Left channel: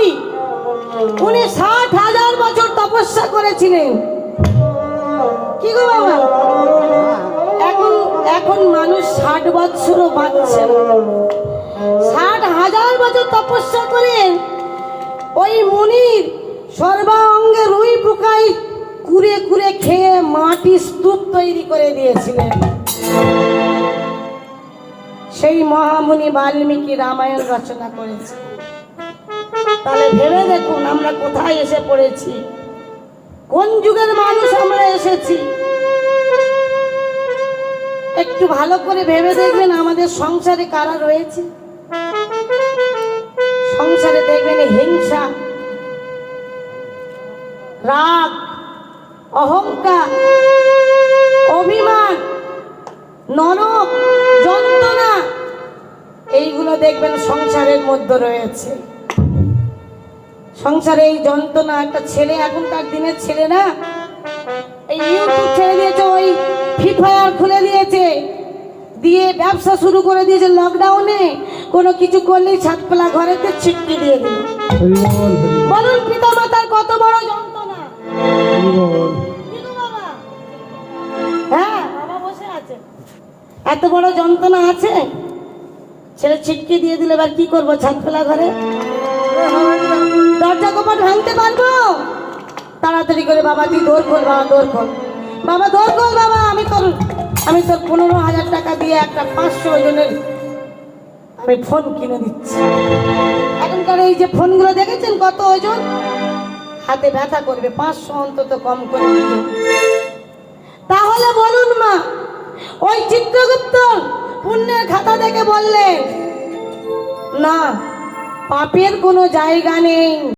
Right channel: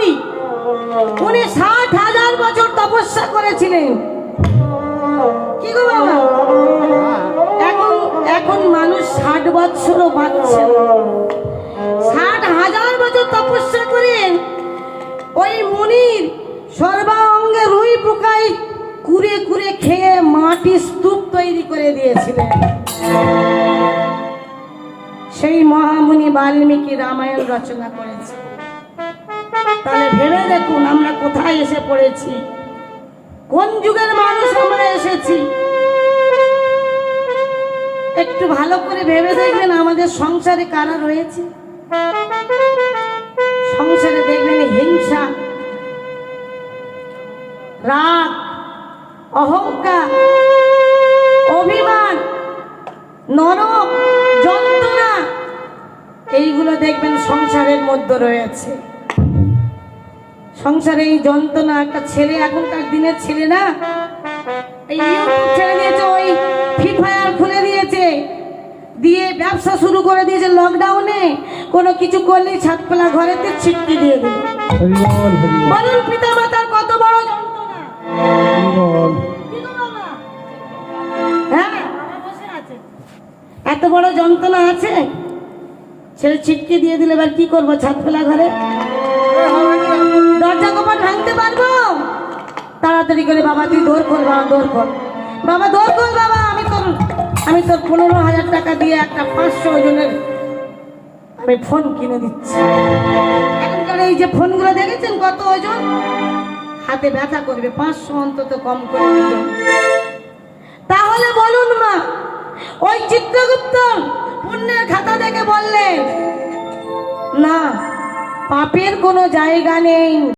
মহামুনি, উনি 60,000 বছর তপস্যা করেছিলেন। কি গো বাবা, এখন মানুষ 60 বছরও বাঁচছে না। 60,000 বছর তপস্যা করেন ওই মুনির সর্বাঙ্গে রুই পোকায় কুড়ে কুড়ে খেয়ে মাটি স্তূপ তৈরি করে দিয়েছিলেন। সেই মহামুনি বাল্মীকি রামায়ণ রচনা করেছে। তাহলে ভেবে দেখুন আমরা কোথায় এসে পড়েছি, কোন যুগের মানুষ আমরা এসেছি। একটু ভালো করে ভেবে দেখবেন আমাদের সংসারে কারা রয়েছে। সংসারে দেখবেন হিংসা, রাগ, অহংকার, অভিমান, নরক, যন্ত্রণা, এইগুলো দেখবেন সংসারের মধ্যে রয়েছে। সংসারে এই যন্ত্রণা, একটা ছেলে, এখনকার দিনের ছেলে না, এই ইউটিউব ছেড়ে দিয়েছে, ওই ফ্রি ফায়ার খুলে দিয়েছে, দিয়ে ব্যবসা শুরু করে দিয়েছে। লকডাউনে কোনো কিছু করলেই ছাদপালা ঘরেতে ছিটকে দিয়ে দিল। বলুন পিতা মাতার কত বড় যন্ত্রণা। হ্যাঁ, বাবা বসে আছে, এত বড় যন্ত্রণা আছে। ছেলে ছিটকে দিয়ে দিলে এবার কি করবো? ছাদপালা ঘরে দরজা কপাট ভাঙতে পারবো? তাড়াতাড়ি করে বাবা তুই দৌড় কর, বাবা দৌড় কর, বাবা দৌড় কর, বাবা আমি তোর 15,000 টাকা দিয়ে একটা 500 ওজনের আমি ফোন কিনে দিচ্ছি। এখনকার এই যে ফোনগুলো দেখেছেন কত ওজন, হাতে ব্যথা করবে, 500 অন্তত কম করে দিল। তাহলে বলুন মা, ওই চিত্রগুপ্ত পুণ্যের খাতা দেখে বললেন না, পাপের কোনো জায়গা নেই,